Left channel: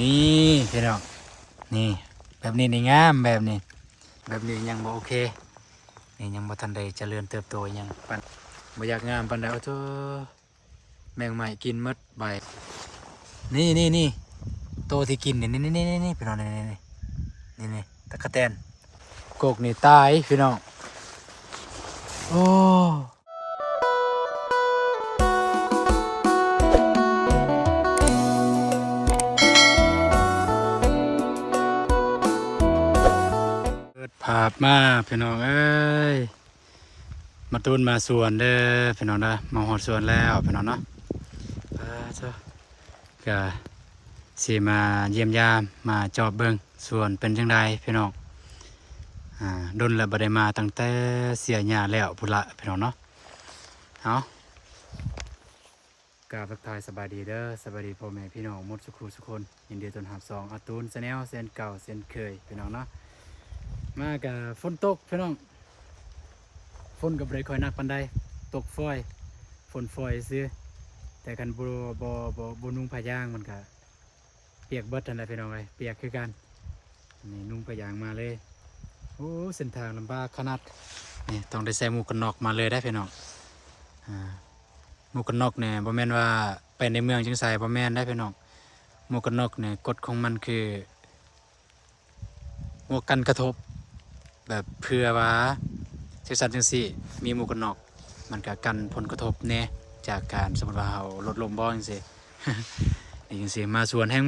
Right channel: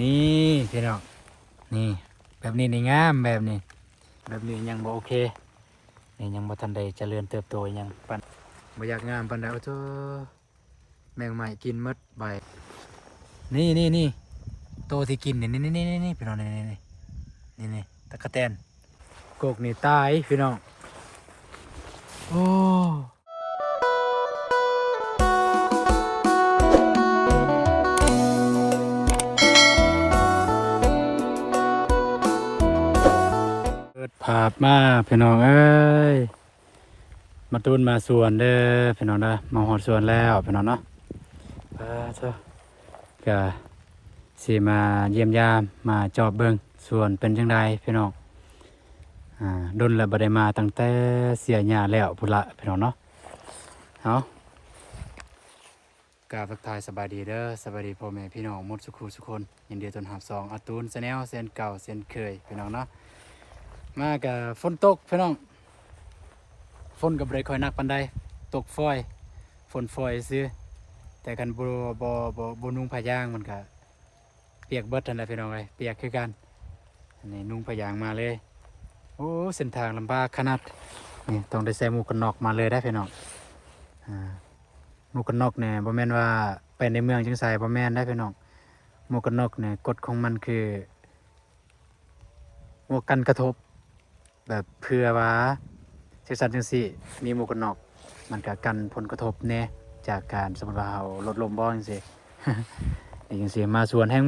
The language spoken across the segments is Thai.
นี่พี่น้องนี่แบบนี้นี่งามแบบนี้ยังบ่โอเคนี่ยังบ่ทันได้เจริญเติบโตยังปานบ่อยากงามปานใดโอ้โธ่แมงใหม่กินหมดใบนี่โตที่กินนี่พี่น้องนี่ตะกะแตนกกนี่ตายพี่น้องโอ้เปิดภาพมาพี่น้องเอ้ยมาตูนมาสวนเด้อพี่น้องนะมาหอดสวนแล้วพี่น้องเนาะเจ้าก็สิมาเยี่ยมยามมาจอบเบิ่งสวนเป็นจังไดพี่น้องดนแล้วบ่ได้มาตั้งแต่เสียหญ้าแล้วพุ่นละพี่น้องเนาะเอากราบทักทายสบายดีเด้อสบายดีพ่อแม่พี่น้องหมดสุขทุกคนยินดีต้อนรับ2อาตูนแนลเส้นเก่าเส้นเคยพี่น้องเนาะมากับฝนตกพี่น้องฝนก็บ่ได้ค่อยหนักปานใดตกฝนฝอยซื่อแต่กันบ่นุ่งผ้ายางมันก็เปียกเบิดนั่นแหละพี่น้องเอ้ยเปียกคือกันอันนี้นุ่งผ้ายางมาเลยโอ้เส้นทางลำบากขนาดนี่ต้องได้ใส่หมวกกันน็อกมาเลยได้พี่น้องหมวกกันน็อกเนี่ยบ่แม่นว่าไปในเมืองจึงใส่บ่แม่นได้พี่น้องหมวกกันน็อกเนี่ยกฎของมันคือหมวกกันกระทบแบบเผื่อว่าจังซั่นจังซี่มีหมวกกันน็อกมันก็กันผลกระทบแน่จากการสมมุติว่าเฮารถล้มบ่จังซี่ นี่จังซี่มาสวนแห่ง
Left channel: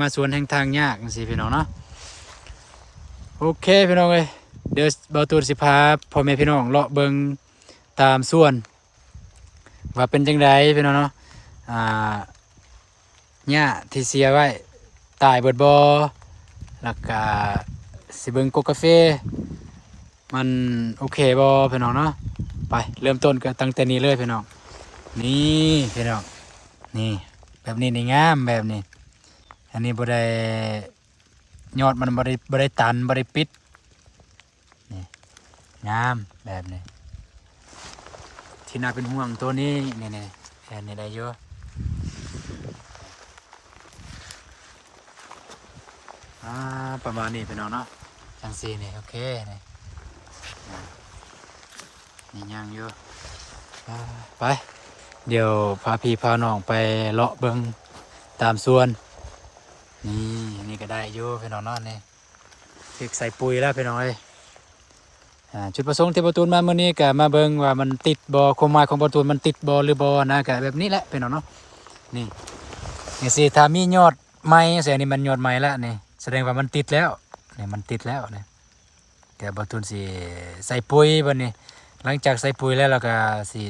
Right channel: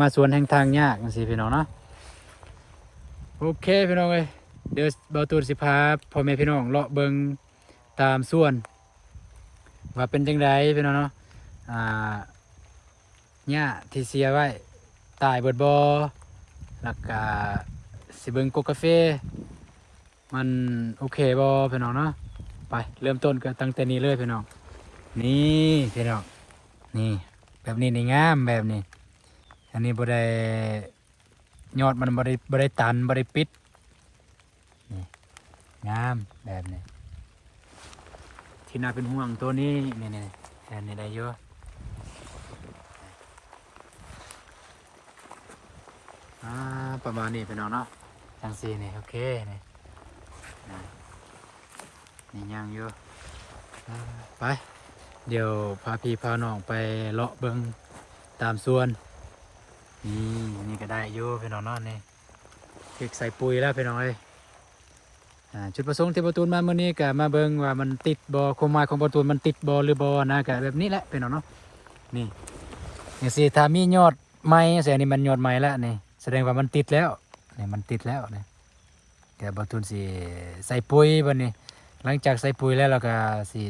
ทางยากจังซี่พี่น้องเนาะโอเคพี่น้องเอ้ยเดี๋ยวเบาตูนสิพาพ่อแม่พี่น้องเลาะเบิ่งตามสวนว่าเป็นจังไดพี่น้องเนาะหญ้าที่เสียไว้ตายเบิดบ่แล้วก็สิเบิ่งกกกาแฟมันโอเคบ่พี่น้องเนาะไปเริ่มต้นกันตั้งแต่นี้เลยพี่น้องนี่พี่น้องนี่แบบนี้นี่งามแบบนี้อันนี้บ่ได้ยอดมันบ่ได้ตันบ่ได้ปิดนี่งามแบบนี้ที่น่าเป็นห่วงตัวนี้นี่แค่นี้ได้เยอะประมาณนี้พี่น้องเนาะจังซี่นี่โอเคนี่ย่างเยอะไปเดี๋ยวพาพี่พาน้องไปเลาะเบิ่งตามสวนนี่ก็ได้อยู่พี่น้องเนาะนี่เก็บใส่ปุ๋ยแล้วพี่น้องเอ้ยจุดประสงค์ที่ประตูนมาเมื่อนี้ก็มาเบิ่งว่ามันติดบ่ความหมายของประตูนมันติดบ่หรือบ่นะก็แบบนี้แหละพี่น้องเนาะนี่สิถ้ามียอดใหม่แสดงนี่มันยอดใหม่แล้วนี่แสดงว่ามันติดแล้วนี่มันติดแล้วนี่แต่ประตูนสิใส่ปุ๋ยบัดนี้หลังจากใส่ปุ๋ยแล้วเราก็สิ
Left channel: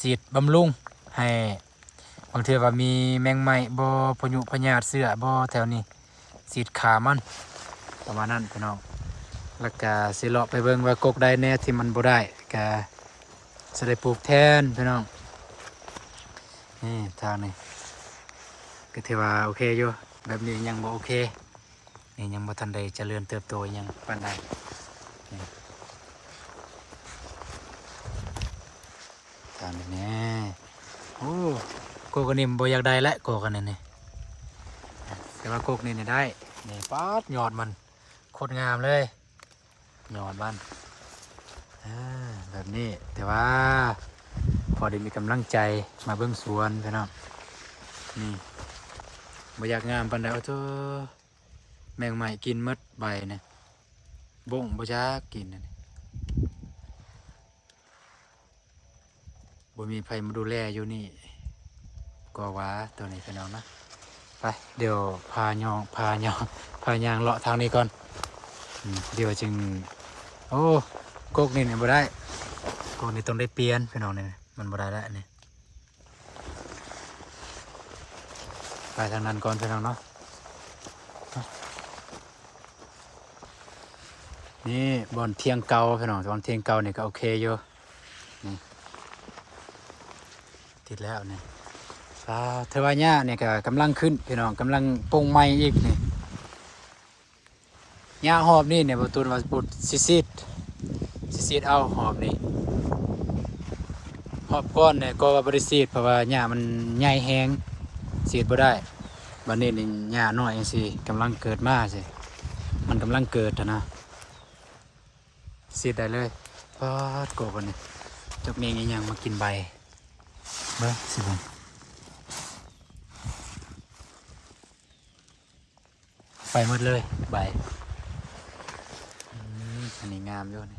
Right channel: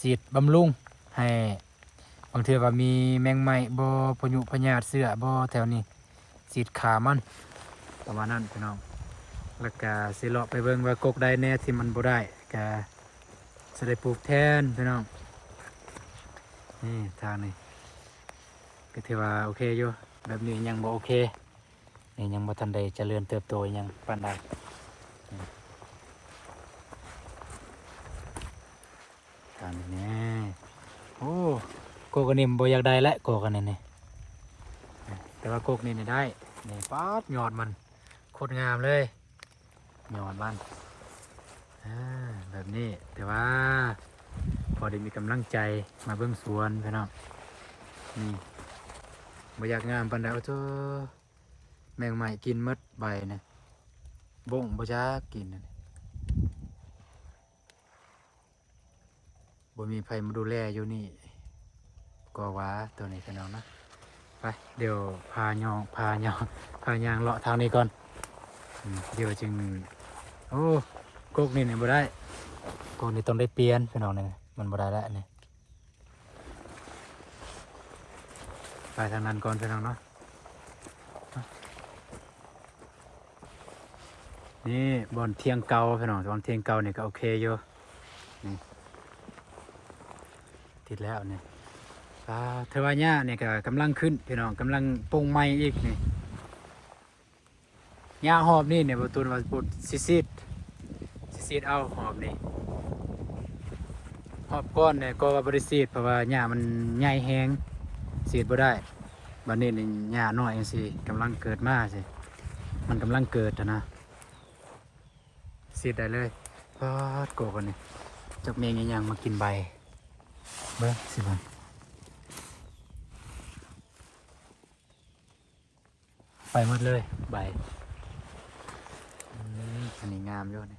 ฉีดบำรุงให้บางทีว่ามีแมงไหม้บ่พยุพยาธิเสื้อบ่แถวนี้ฉีดขามันประมาณนั้นพี่น้องแล้วก็สิเลาะไปเบิ่งว่ากกใดแน่ที่มันบ่ได้ก็สิได้ปลูกแทนพี่น้องนี่ทางนี้ก็ถือว่าโอเคอยู่แบบนี้ยังบ่โอเคนี่ยังบ่ทันได้เจริญเติบโตยังปานใดทางนี้แน่โอ้โกกนี่บ่อยากได้และโกกนี่แต่ว่าโกกนี่ได้นี่ป๊าดยอดมันโคตรงามเลยยอดมันแบบนี้แต่ว่าพอได้มีกำลังใจมาเบิ่งสวนพี่น้องนี่บ่อยากงามปานใดโอ้โธ่แมงใหม่กินหมดใบนะบ่งบ่จักกินนะบ่มีไผมาดูแลอยู่นี่ก็ว่าตัวนี้พี่น้องนะไปเดี๋ยวพายางเลาะทางนี้ก่อนเดี๋ยวจึงโอ้กกนี่บ่ได้กกนี่ต้องได้เปลี่ยนพี่น้องนี่มันบ่ได้แล้วนี่ไปทางนั้นก่อนพี่น้องเนาะนี่บ่อนเทียงเก่าพี่น้องบ่อนเทียงเก่านี่ก็โอเคอยู่นี่ติดแล้วนี่เทวาญ่าเนี่ยก็กำลังขึ้นพี่น้องกำลังปรุงใหม่อีกนี่หญ้าหอบนี่เนี่ยประตูว่าปุดซีดเอาหอบนี่หอบก้อนเนี่ยก็ว่าบริซีดเพราะว่าหญ้ามันใหญ่แห้งซีดบ่ได้ บัดนี้นี่หญ้าน้อยจังซี่กำลังเกิดมาสิมันกำลังเกิดนะซีดได้เลยพอดโกกันนี่จกเมงยังมากินใบเบ้อสิบังไปหมดเลยใบอันนี้งามอยู่นี่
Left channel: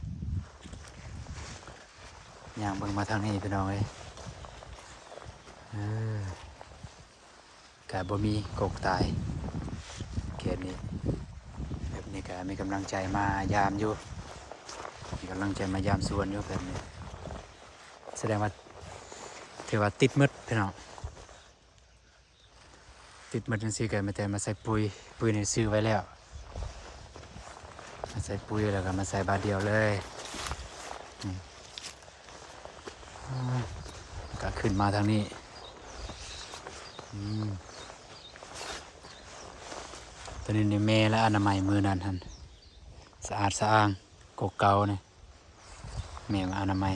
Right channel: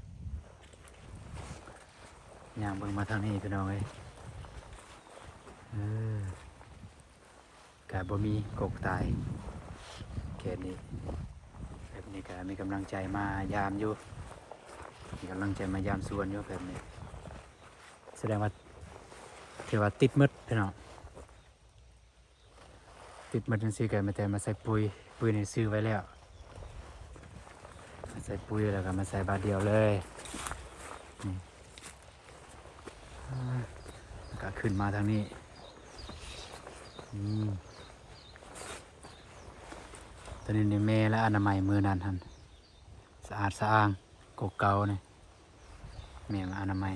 ย่างเบิ่งมาทางนี้พี่น้องเอ้ยกะบ่มีกกตายเขตนี้แบบนี้ก็มีกำลังใจมายามอยู่มีกำลังใจมายามสวนอยู่แบบนี้แสดงว่าถือว่าติดมืดพี่น้องติดมืดจังซี่ก็มาแต่มาใส่ปุ๋ยนี่ซื้อไว้แล้วมาใส่ปุ๋ยแล้วก็มาใส่บาทเดียวเลยนี่ก็ขึ้นมาทางนี้ตอนนี้ในแม่และอนามัยมือนั้นท่านสะอาดสะอ้างกกเก่าเนี่ยแม่มาอนามัย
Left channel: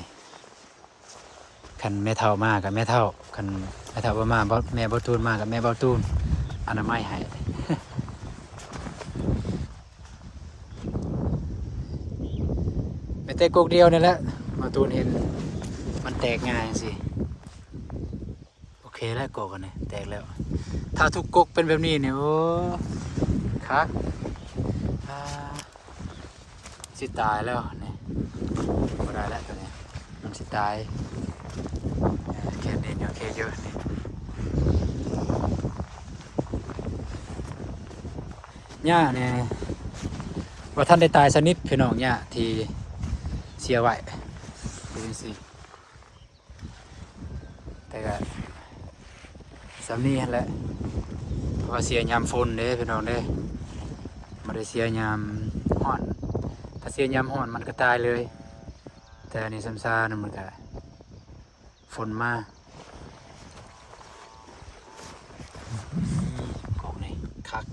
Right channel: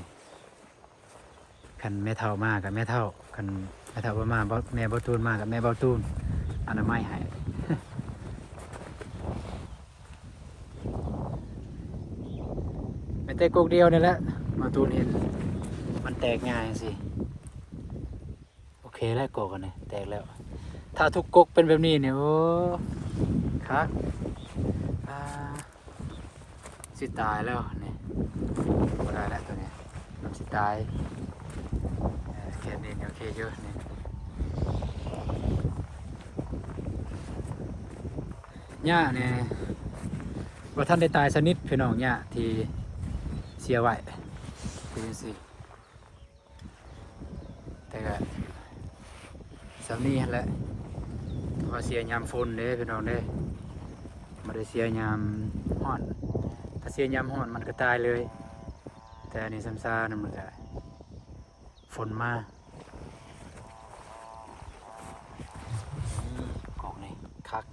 คันแม่เท่ามากกับแม่เท่าคันแม่เท่าบ่มาแม่บ่ตูนมากกับแม่บ่ตูนอนามัยให้ แม่แต่กกเดียวนี่แหละบ่ตูนเห็นมันแตกง่ายสิโอเคแล้วกกกันเนี่ยแตกแล้วถ้าทุกกกเป็นแบบนี้เนี่ยโอ้ครับสิตายแล้วเนี่ยพอได้แล้วตัวเนี้ยมันสิตายแค่นี้เนี่ยโอเคเยอะนี่หญ้าเนี่ยว่าท่านได้ตายสนิทพี่น้องหญ้าที่เสียไว้คือสิแต่ก็สำนีแหละเพราะว่าเสียยามฝนเด้พี่น้องเด้ไม่ได้เสียยามร้อนถ้าเสียยามร้อนมันก็ตายเลยแต่อันนี้ซ้ำซ่านั่นมันก็ฝนมากอกนี่คัก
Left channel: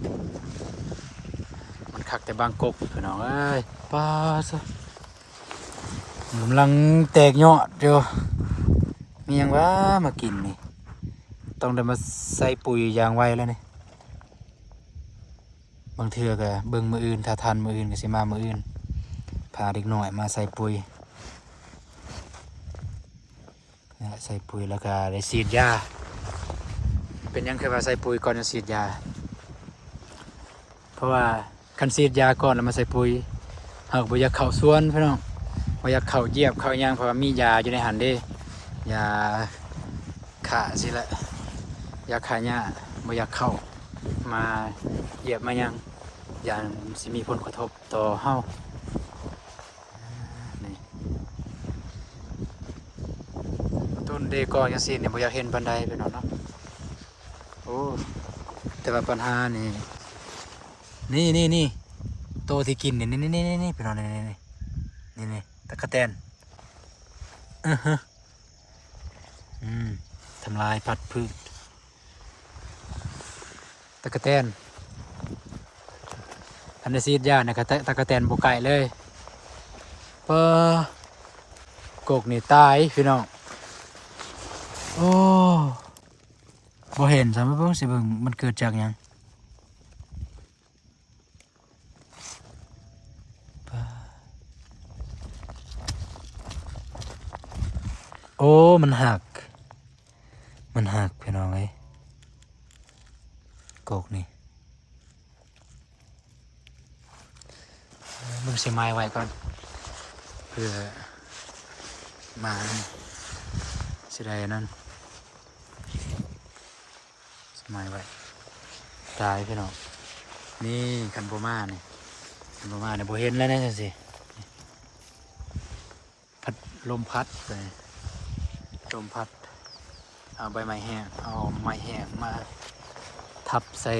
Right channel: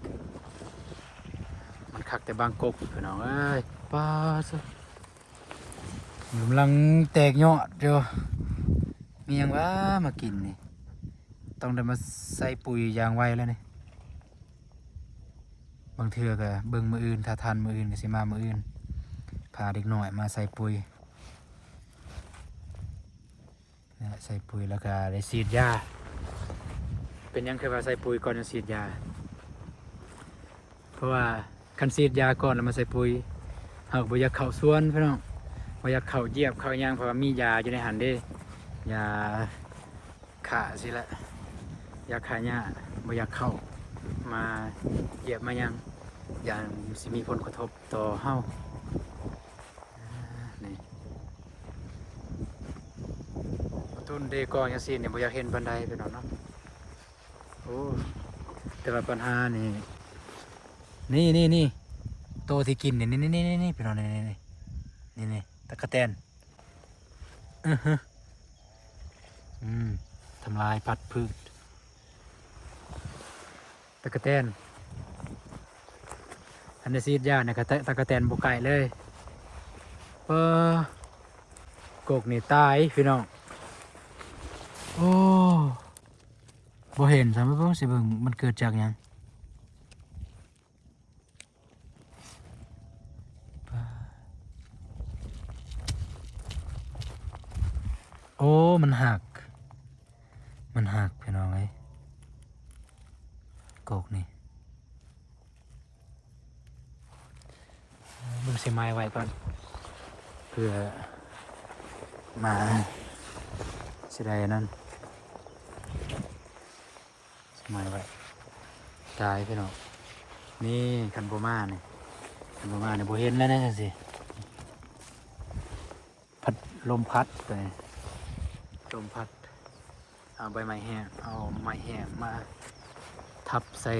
มันคักแต่บางกกพี่น้องเอ้ยป้าซะกำลังแตกยอดอยู่มีหยังว่ามากินนี่ต้องได้มาใส่ปุ๋ยอย่างไวแล้วนี่บางเทื่อก็เบิ่งมืออื่นถ้าทันมืออื่นก็สิมามืออื่นพาเด็กน้อยมาใส่ปุ๋ยใส่ปุ๋ยแล้วก็ได้ฉีดยาเป็นยังเคยว่าใส่ปุ๋ยก่อนจะฉีดยาเพราะว่าคันฉีดยาก่อนแล้วมาใส่ปุ๋ยหากบ่อยากเข้าสวนพี่น้องบ่อยากเข้าเหยียบเข้าหยังเพราะว่ามียาอยู่ในหันเด้ยาฆ่าสิละยาฆ่าหญ้าบ่อยากเข้ามาเหยียบมายังอย่างสิมีผลกระทบต่อเฮานี่ต้นเดกอยังสิเนี่ยบ่อยากเห็นบันไดไปหน่อยเนาะโอ้แต่ว่าปัญหานี่โตที่กินนี่ไปหน่อยนี่ตะกะแตนทำลายพัดพืชตะกะแตนอันนี้ซีดยาเนี่ยตะกะแตนบุกไก่เลยกกนี่ตายพี่น้องโอ้บ่เห็นสามารถเบิ่งสิเบิ่งมันเกิดจากหยังโอ้มันหักพี่น้องเอ้ยกกนี่เบิ่งเสียไม้ไว้ก่อนเพื่อมาสิได้นั่นเสียไม้ไว้ตายพี่น้องนี่คันโบมาเนี่ยโบเห็นแล้วนะสิพัดลมพัดไปลมพัดเอาใบไม้แห้งเอาไม้แห้งมาทับใส่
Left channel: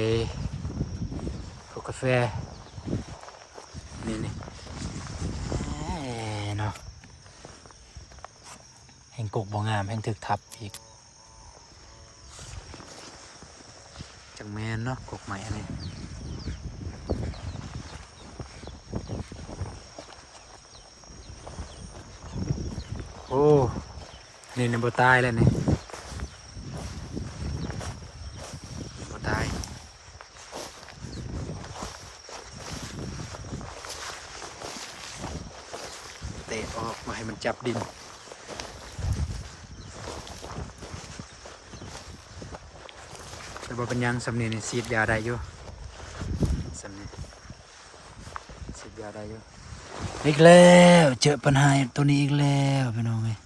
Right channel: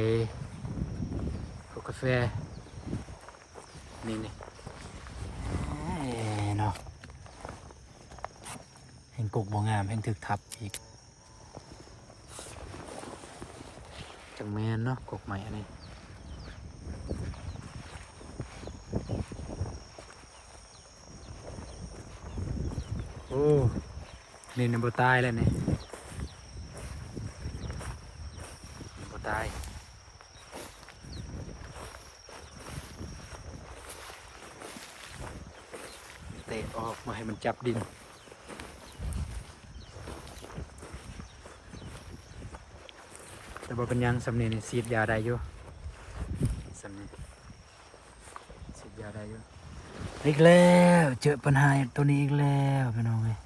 พวกกาแฟนี่เนาะแห่งกกบ่งามแห่งถึกทับอีกจังแมนเนาะกกใหม่อันนี้โอ้นี่บ่ตายแล้วนี่บ่ตาย ออกมาให้มันจับดินแต่บ่เป็นหยังสำนีนี่ฉีดยาได้อยู่สำนีฉีดยาได้อยู่อีกแล้วเจอปัญหาตัวนี้อีกแล้วพี่น้องเอ้ย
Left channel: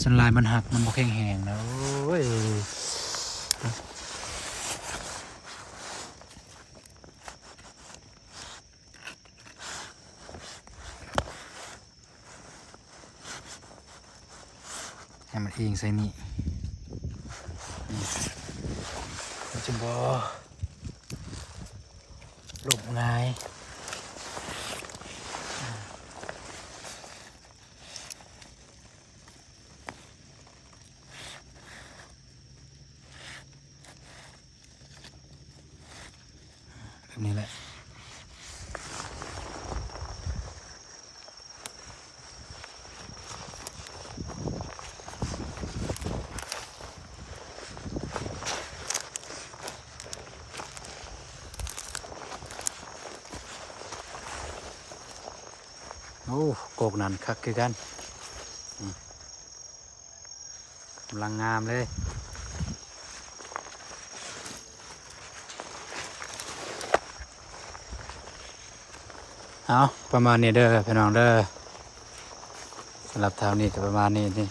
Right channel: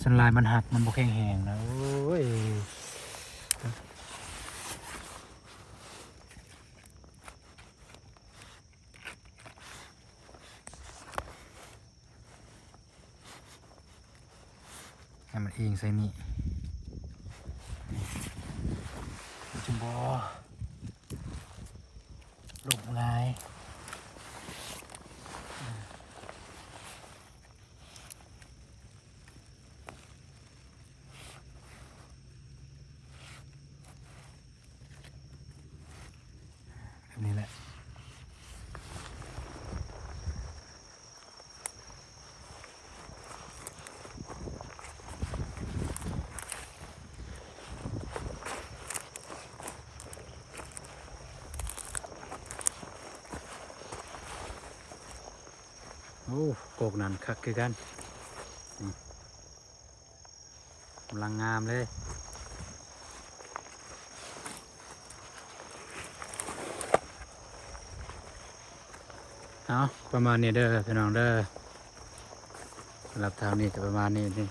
สันลายมันหักมันบ่แข็งแรงแล้วโอ้ยให้มันเองใส่นี่จุ่มบ่หลบง่ายแบบนี้แหละโอ้โกกนั่นคักคือกันนี่กำลังงามเลยเอาประมาณนี้เด้อพี่น้องเด้อสำหรับเท้านี้จะประมาณนี้นี่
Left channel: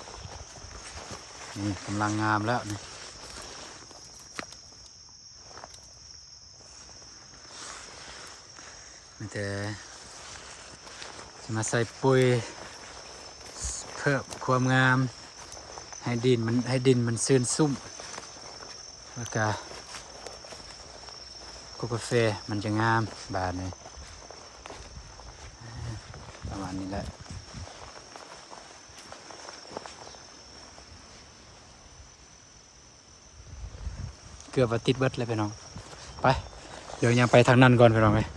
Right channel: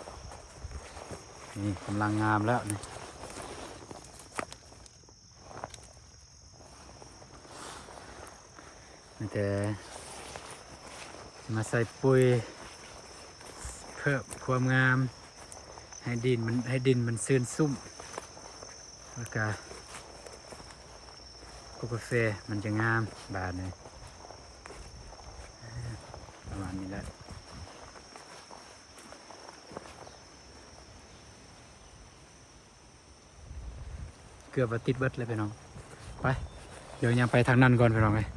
กำลังงามแล้วนี่มีแต่มาใส่ปุ๋ยเพิ่มความงามให้ดินมันซื่นซุ่มแล้วก็กาแฟมันจะงามบานนี้ประมาณนี้แหละเกือบว่าติดเบิดเลยพี่น้องไปเดี๋ยวยังไปทางนั้นก่อนพี่น้องเลย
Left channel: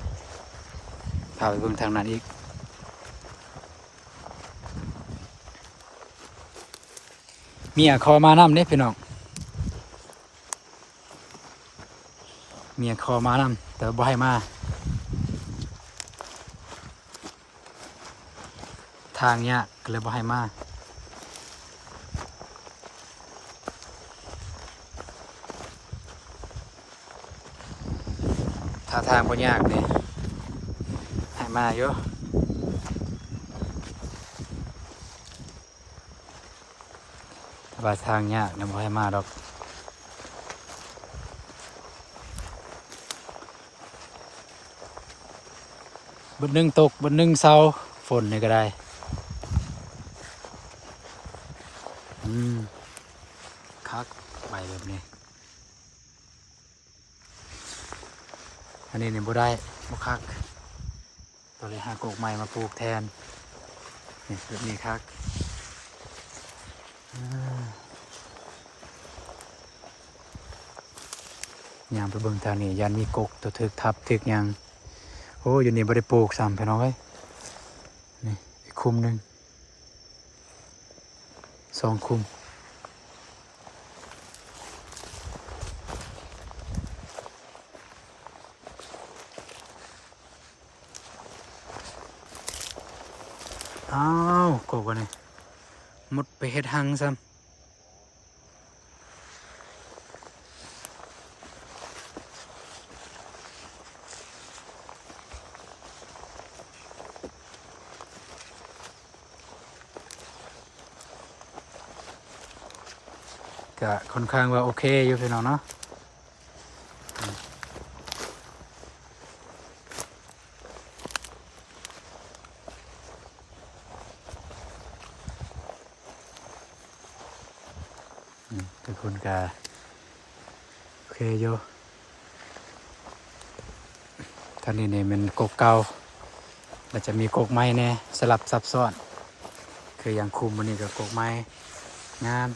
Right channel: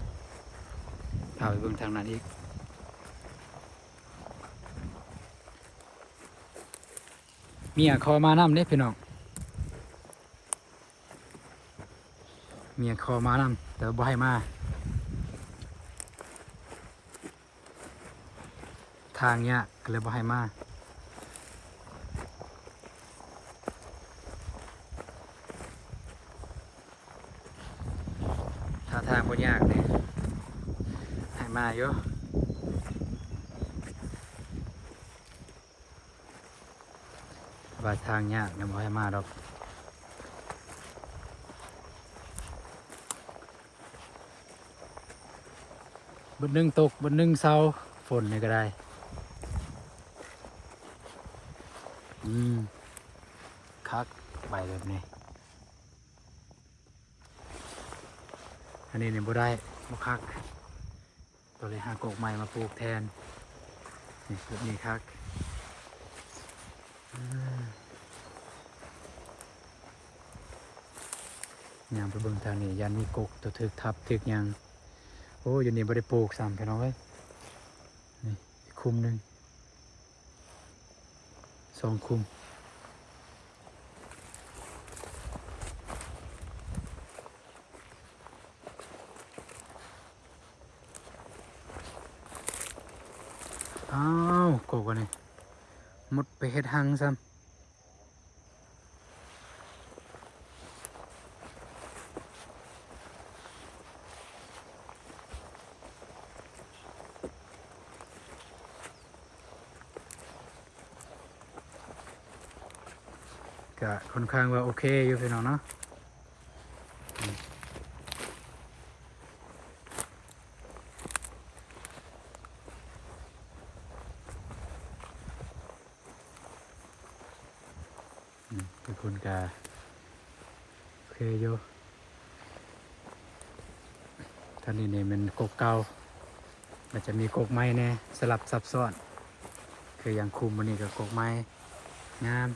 พาไปเบิ่งทางนั้นอีกมีคอมาน้ำเนี่ยพี่น้องมีคอมาน้ำแต่บ่ให้มาทางเนี้ยก็เลยบ่ให้มาถ้าทางบ่ยากเลยให้มาเยอะว่าทางยากนะบ่ให้มาดอกบนหนึ่งตกบนหนึ่งเศร้าฝนนี่ก็ได้คักใบแบบนี้อันนี้เนี่ยบ่ได้บ่คักตัวเลยหากกใหม่มาปลูกแทนนี่แบบนี้คักยามไปเบิ่งทางนี้ยันมีกกตัวถึกทับถึกยังโอ้อยู่นี่บ่ได้ปลูกซ้ำพี่น้องเอ้ยนี่อีกคุมหนึ่ง2 คุมอ้าวกบวะนี่หมดไปเฮ็ดหังซ้ำก็ค่อนข้างว่าโอเคอยู่พี่น้องเนาะทุกคนก็โอเคอยู่ท่านี้เนี่ยมันกกเก่าแล้วจะมีกกไม้แน่สลับซับซ้อนคืออย่างคุมวันนี้ก็กกไม้งาม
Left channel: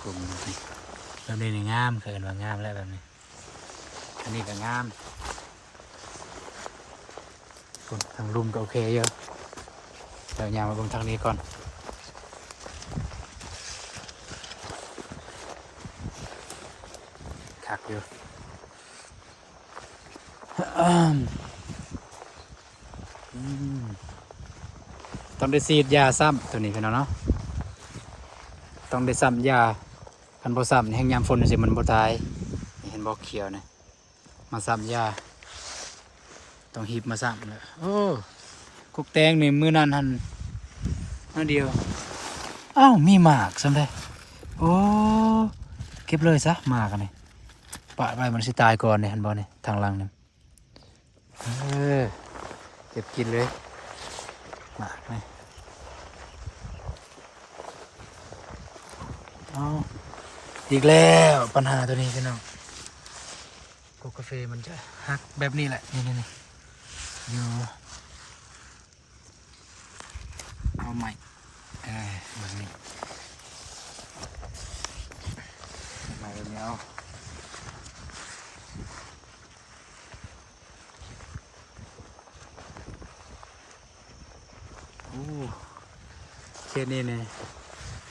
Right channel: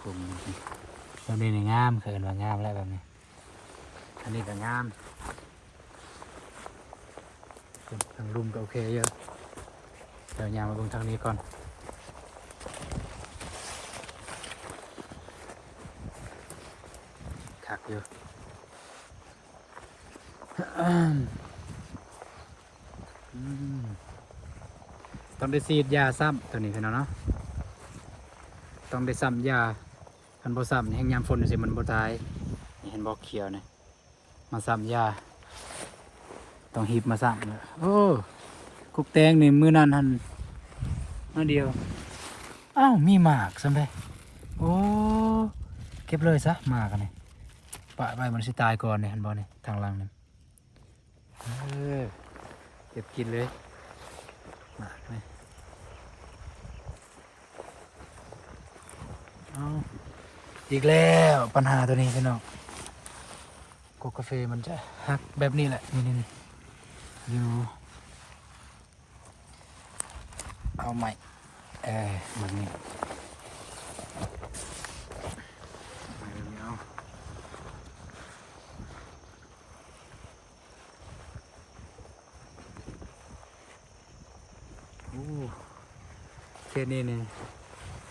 คุมนี่แบบนี้นี่งามเคยเห็นว่างามแล้วแบบนี้อันนี้ก็งามทางลุ่มก็โอเคอยู่เดี๋ยวยามมาเบิ่งทางนี้ก่อนคักอยู่ ต้องได้ฉีดยาซ้ำตัวนี้พี่น้องเนาะต้องได้ซ้ำยาคันบ่ซ้ำนี่แห้งยามฝนสิมันบ่ตายนี่เห็นบ่เขียวนี่มาซ้ำยาต้องหีบมาซ้ำเลยโอ้กุกแตงนี่มื้อนั้นหั่นนั่นเดียวอ้าวมีหมากซ้ำได้โอ้เก็บเลยซะหมากอันนี้ปะไว้มันสิตายก่อนนี่เห็นบ่นี่ทางหลังนี่เก็บกินเลยหมากนี่เอาอีกแล้วปัญหาตัวนี้พี่น้องกกาแฟมันจะหักแบบนี้แหละนี่อยู่เอาใหม่แบบนี้ใหม่แบบนี้เอาโอ้เคสนี้เนี่ย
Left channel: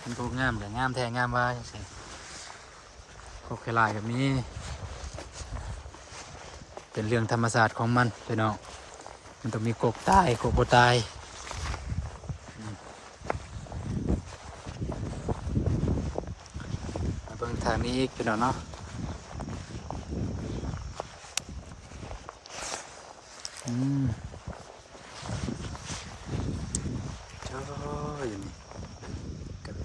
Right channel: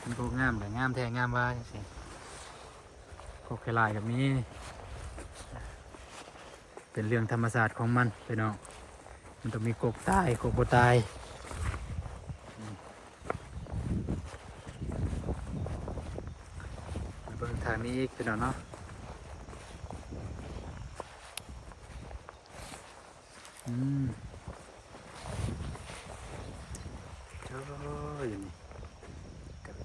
มันก็งามแต่งามแท้งามว่าใช่โคเคลายแบบนี้เป็นเรื่องธรรมศาสตร์ของมันพี่น้องมันต้องมีกกตายกกบ่ตายมาเบิ่งทางนี้อีกพี่น้องเนาะเจ้าอยู่นี่กัน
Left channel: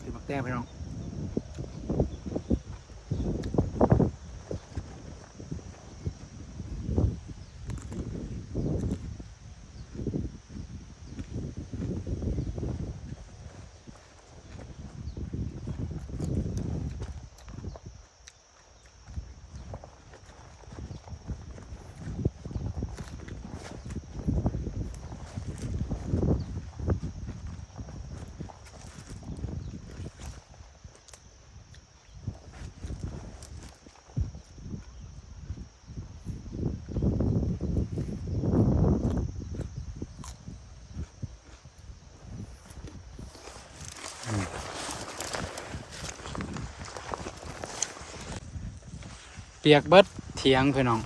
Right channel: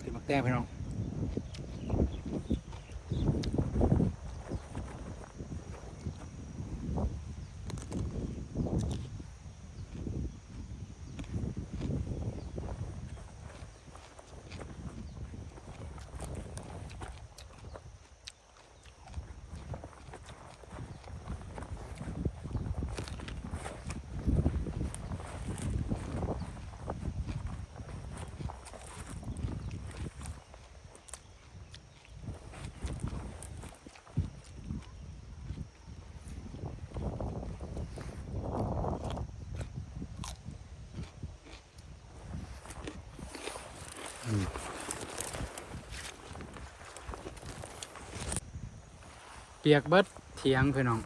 เป็นมักแต้งพี่น้องเปียกเบิดเถียงพี่น้อง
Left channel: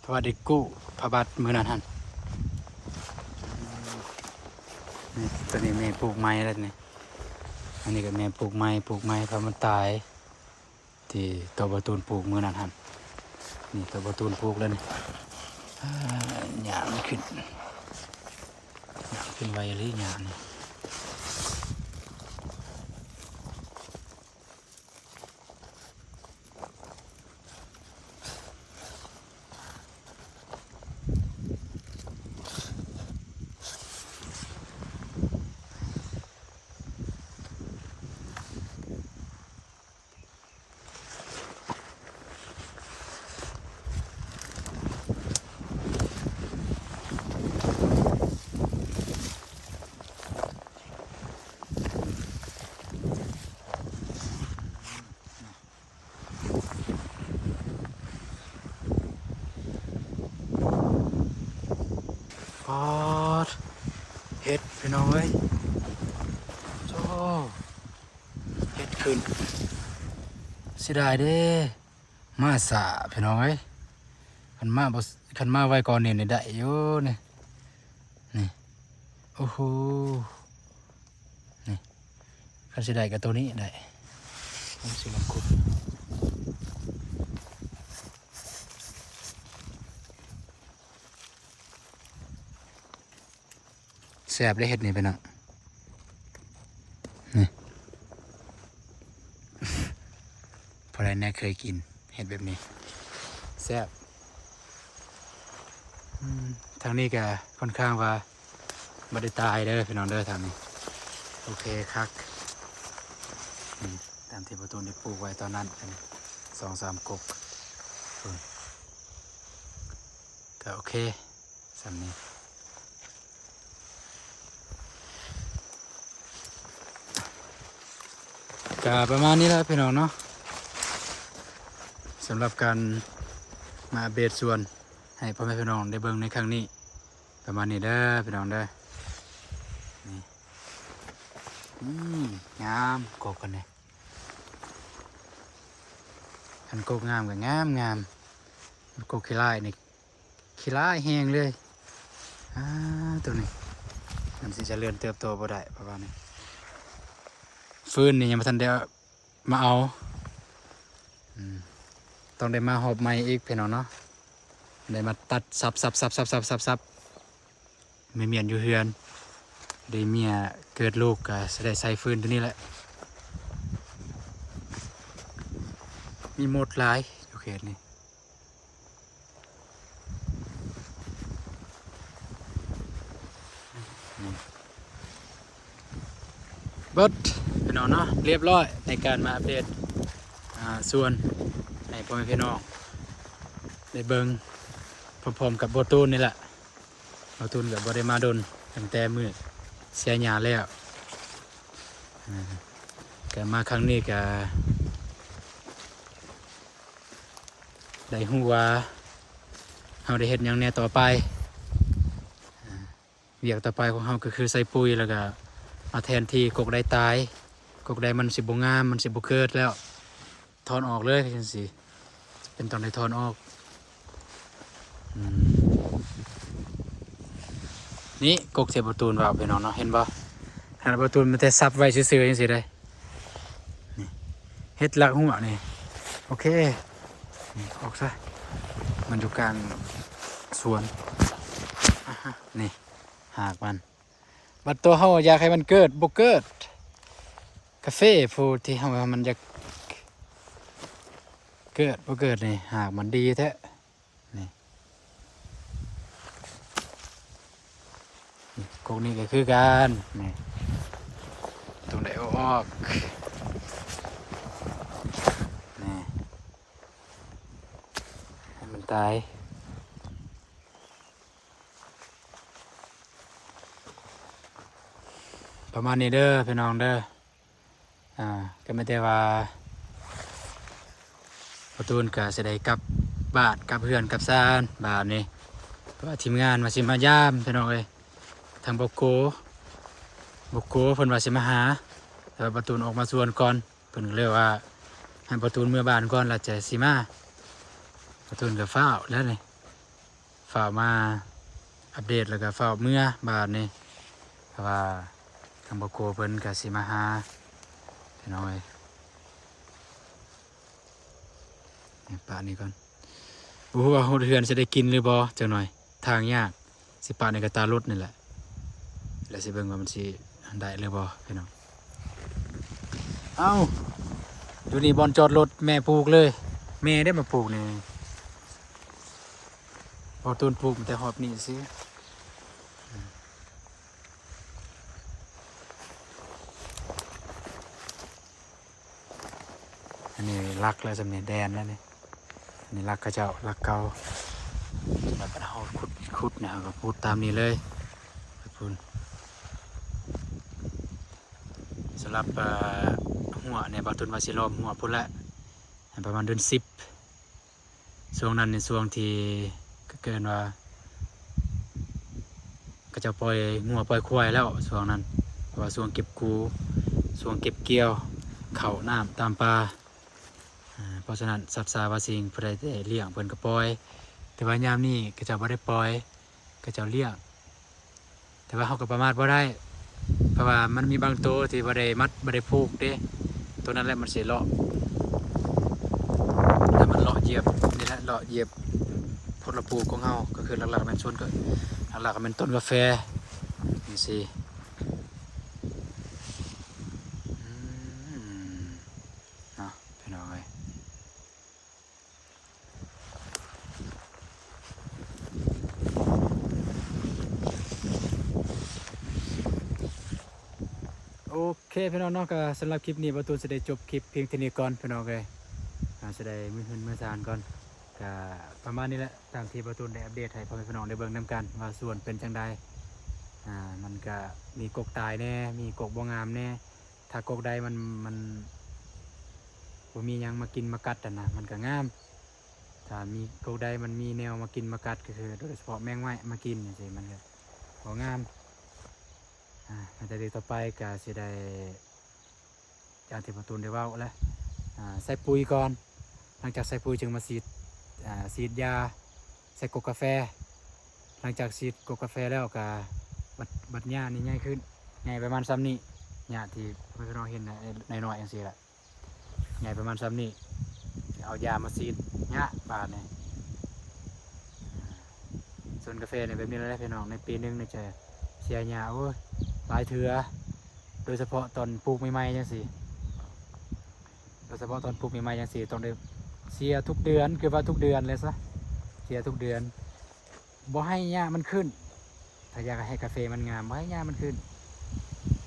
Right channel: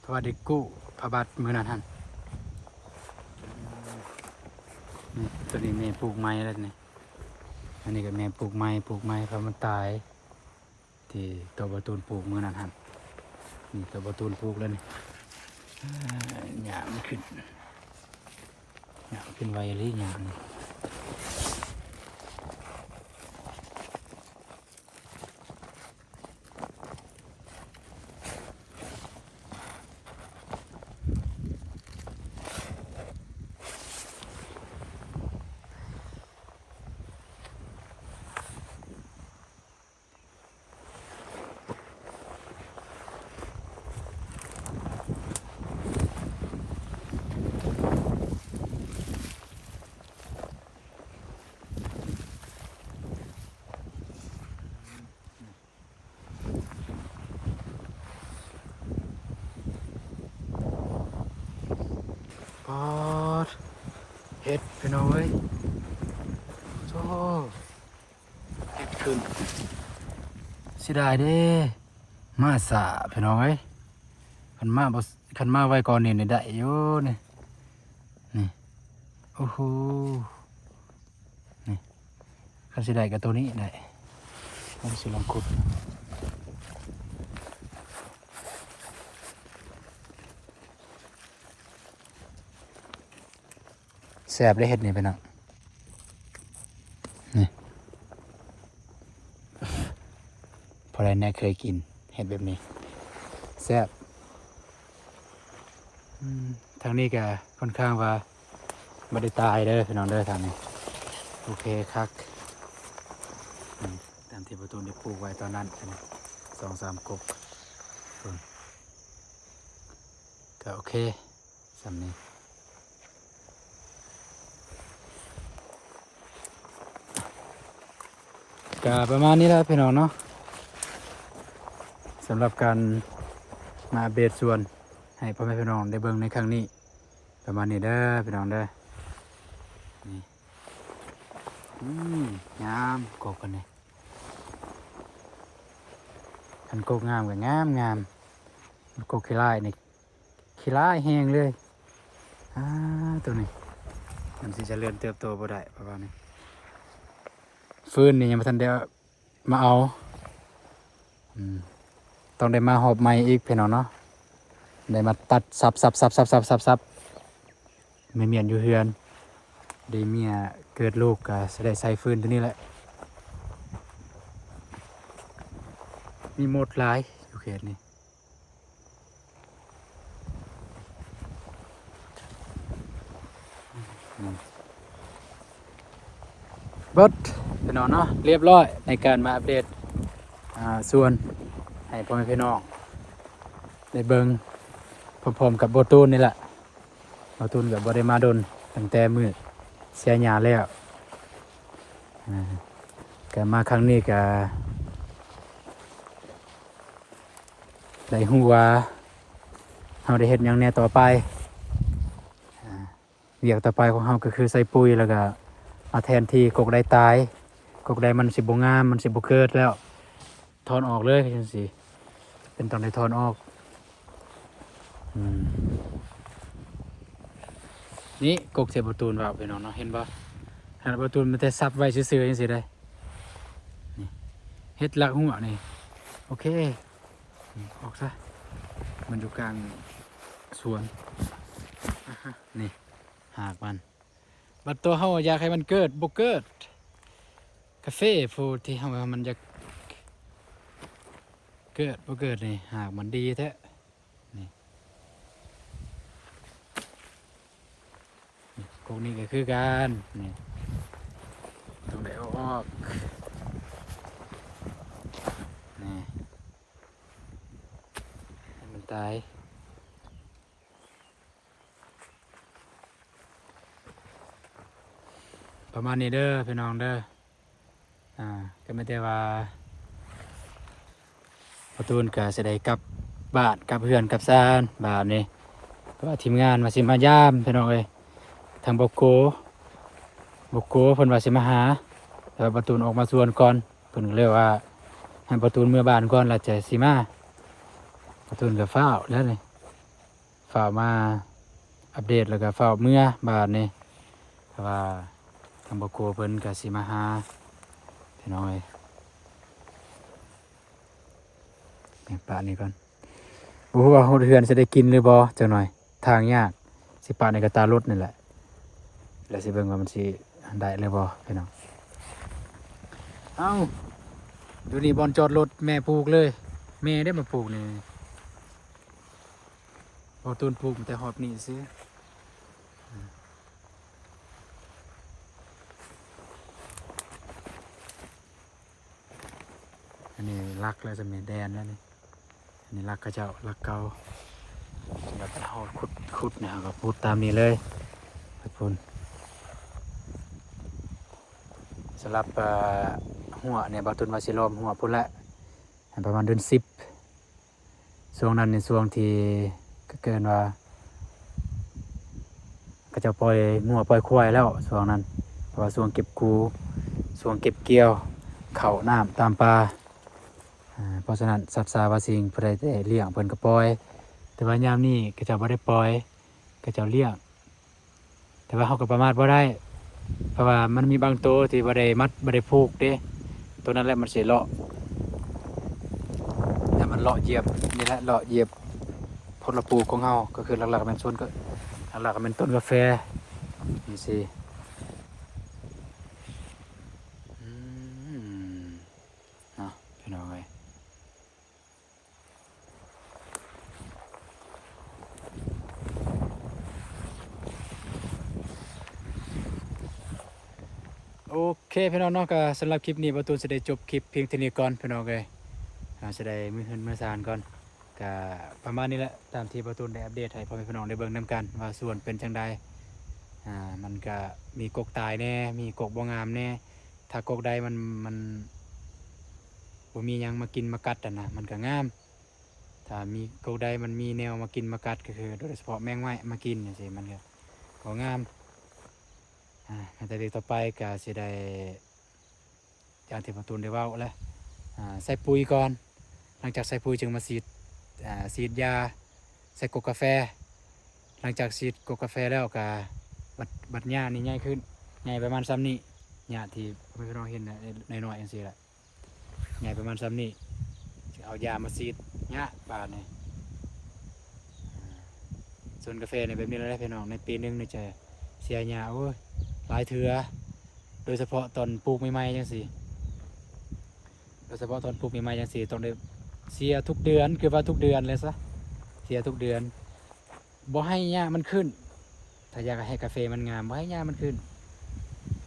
เพราะว่าได้กู้พระบาทมือนั้นหั่นนี่ตัวนี้แม่ปลูกไม้แล้วนี่อันนี้ก็แม่ปลูกไม้เพราะมันตายที่ตัวประตูนปลูกมือนั้นหั่นนี่ตัวประตูนปลูกแล้วนี่หญ้ามันขึ้นหญ้าขึ้นไวเลยหญ้านี่ปอดเห็ดพี่น้องเอ้ยโธ่เห็ดขึ้นเสียดายเด้มาสาพี่น้องเอ้ยคันมาไว้ก่อนนี่ได้อยู่นี่โอ้โหนี่คันสิได้กับตัวนี้ได้ผมสิลองขุดแซ่บได้เห็ดนี่ไปเนาะนี่พอไรแน่เคยกินเห็ดแบบนี้แซ่บทางนี้ก็ค่อนข้างว่าไม่ได้ตายเด้อพี่น้องเด้อทางนี้โอเคครับตามที่ประตูได้ปลูกไว้ตอนนั้นอันนี้2-3 กกก็โอเคสำนี้ก็ประมาณนี้แหละพี่น้องเนาะสำหรับการมาเบสส่วน ให้พ่อแม่พี่น้องได้เบิ่งในครั้งนี้ประมาณนี้เด้อพี่น้องเด้อนี่งามกบกันเลยอันกบงามกับงามมันกบขี้ลายนี่ขี้ลายแห้งเลยตัวนี้มันสิเจริญเติบโตบ่ได้ประมาณนี้ฟืนนี่ยังไม่ทันได้มาเอาต้องได้มาหอบไม้อีกพี่น้องเนาะได้มาตัดสับไม่เมียนอยู่เฮือนได้เมียเกิดลูกก็จะได้ใส่ฟืนตัวนี้แหละมีหมดหลายอยู่เขตนี้เบิดพี่น้องเนาะเรียบร้อยในการมาอัปเดตส่วนให้พ่อแม่พี่น้องได้เบิ่งพร้อมๆกับโบตูนนี่แหละโบตูนกับบริมาดนตั้งแต่มือเสียหยาแล้วก็มาครั้งนี้ก็ได้ฮู้ว่าเราได้เฮ็ดหยังแน่ต่อไปเวียกต่อไปของเราก็คือใส่ปุ๋ยแล้วก็มาแทนที่กกได้ตายกกได้มันสิบ่งามมันสิบ่เกิดแล้วถอนออกเลยจังซี่เป็นตอนได้ถอนออกนี่กกเสียประตูนว่าไปน้องเนาะเห็นบ่ขนาดประตูนมันแต่ซับไว้ซื่อๆจังซี่ได้นี่เฮ็ดลักหัวนี่โอเคออกซะมันอยู่กลางสวนนี่หากมันบัดตัวเฮาอยากให้มันเกิดบ่เกิดกาแฟผู้ที่เฮาว่ามันอยากเกิดบ่เกิดนี่หากมันดีแท้นี่กกนี้ก็คือกันนี่ตรงไหนออกนี่มันตายประมาณนี้เด้อพี่น้องเด้อก็ไม่ได้ว่าประตูนก็จะได้กลับบ้านกลับเพื่อนกลับซานบ้านนี่เพราะว่าทีมงานมาสิมายามพี่น้องเอ้ยทางบกโกเพิ่นว่าสิมาหาแต่ว่าประตูนออกมาส่วนก่อนเพิ่นก็เลยว่าให้ประตูนเมื่อบ้านก่อนแล้วจะสิมาประตูนก็ฟ้าวแล้วนี่ฟ้าวมาอัปเดตแล้วก็ฟ้าวเมื่อบ้านนี่เพราะว่าทางบกโกเพิ่นก็สิมาหาพี่น้องเอ้ยนี่ปะนี่ก่อนบ่ฮู้ว่าเฮือนจะได้กินหรือบ่จังหน่อยทางยากสิปะในกระตารถนี่แหละแล้วสิเบิ่งว่ามันสิได้หรือบ่พี่น้องเอ้าอยู่นี่บอนจอดรถแม่ปลูกเลยแม่ได้มาปลูกนี่บ่ต้นปลูกแต่หอบนี่ซื้ออันนี้รักแล้วสำเนียงแดนแล้วนี่อันนี้รักกระเจ้ารักเก่าสำหรับเราขุดเนี่ยก็พูดตามนี้เลยขอบคุณสำหรับหัวเนี่ยบาตุนวาสิลอมหัวพุ่นละประมาณเดือน10ช่วงนั้นในช่วงที่ก็เกินว่าก็จะปล่อยหัวปล่อยควายแล้วช่วงนั้นเพราะว่าช่วงเก็บกูช่วงเก็บเกี่ยวเข่าน้ำตามปลาเพราะฉะนั้นสัตว์สาวาสิงผู้ใดได้เลี้ยงเพิ่นก็ปล่อยแต่ว่ายามนี้ก็จะบ่ได้ปล่อยก็จะเลี้ยงแต่ว่าเขาก็ประมาทบ่ได้เพราะว่ามันมีบางตัวที่บ่ได้มัดบ่ได้ผูกเด้ตัวนั้นแหละมันสิเลาะแต่มันเลาะเหยียบนี่แหละเลาะเหยียบผลปลูกของเฮาก็คือหลักๆมันส่วนก็หลักๆมันต้นกาแฟนี่สิเนาะพี่น้องเอ้ยโอเคพี่น้องเนาะก็สำหรับคลิปนี้ประตูจะได้จบคลิปเพียงเท่านี้ก่อนพี่น้องเลยจะได้มือหืนมือซานก่อนก็ประมาณนี้แหละตามที่ประตูได้อัปเดตให้พ่อแม่พี่น้องได้เบิ่งนำกันว่าส่วนเป็นจังใดมันก็มีกกตายแน่มีกกบ่งามแน่ถ้ากกใดมันบ่มีหยังมากินมากัดนะมันก็งาม ถ้ามีกกใดมันมีแนวมากินมากัดก็คือโดยเฉพาะแมงไม้มากินนี่สิมันก็บ่งามแต่เด็กต่อไปก็สิได้อย่างที่ประตูนได้เว้าแล้วใส่ปุ๋ยก่อนหลังจากใส่ปุ๋ยจึงมาฉีดยาใส่กกกาแฟหลังจากฉีดกกกาแฟแล้วก็บัดหญ้านี่ใหญ่ขึ้นใหญ่ประมาณซ้ำนี้หญ้าที่เพื่อนเราเห็นในหน่อยอย่างนี้แหละใหญ่ประมาณซ้ำนี้เอายามาฉีดหญ้าบาดนี่ส่วนกาแฟเนี่ยแบบนี้แล้วพี่น้องในปีนึงเนี่ยจะเสียหญ้าโอ้ยหลายเถื่อโดยเฉพาะตอนปลูกใหม่ๆจังซี่โดยเฉพาะตอนปลูกใหม่ๆจังซี่ต้องได้เสียทุกเดือนคือว่าทุกเดือนเลยซะเสียทุกเดือนบ่ให้หญ้ามันขึ้นถ้าอยากให้กาแฟมันงามบ่ให้หญ้ามันขึ้น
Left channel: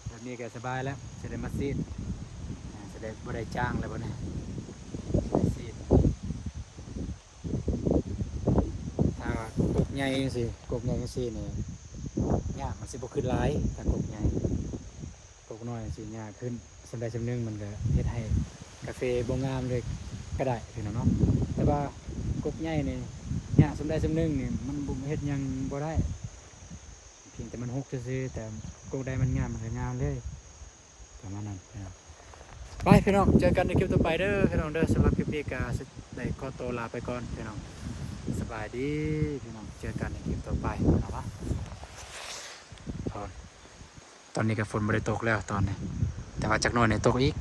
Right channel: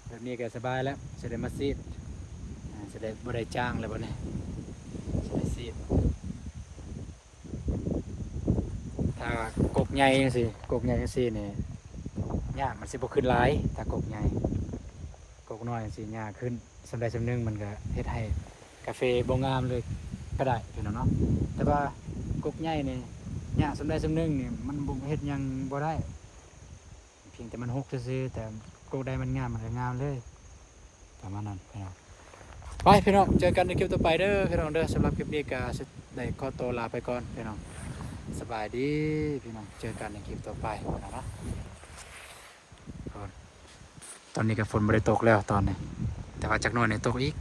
แบบนี้ก็สบายแล้วจะได้มาซีดจะได้บ่ได้จ้างแล้วบ่เนี่ยจะได้ซีดถ้ากกใหญ่จังซี่กกใหญ่จังซี่นี่หญ้ามันสิบ่ขึ้นหลายถ้ากกใหญ่กกน้อยจังซี่หญ้าขึ้นสำใดสำหนึงมันก็เฮ็ดให้กาแฟบ่งามเลยก็ได้พี่น้องเนาะแต่ว่ากกใหญ่นี่หญ้าสำใดสำหนึงนี่มันบ่เฮ็ดหยังบ่ได้เพียงแต่มันหกซื่อๆแต่กกใดมันงามมันก็งามเลยประมาณนั้นพี่น้องไปพี่น้องเจอกันในคลิปต่อไปเด้อพี่น้องเด้อสำหรับคลิปนี้ก็ได้ขอตัวลาไปก่อนพี่น้องสบายดีพี่น้องเจอกันในคลิปต่อไปพี่น้องวะตอนนี้ก็ฝนไม่ได้ตกแล้วตอนนี้แต่ว่าจากโน่นเนี่ยตกอีก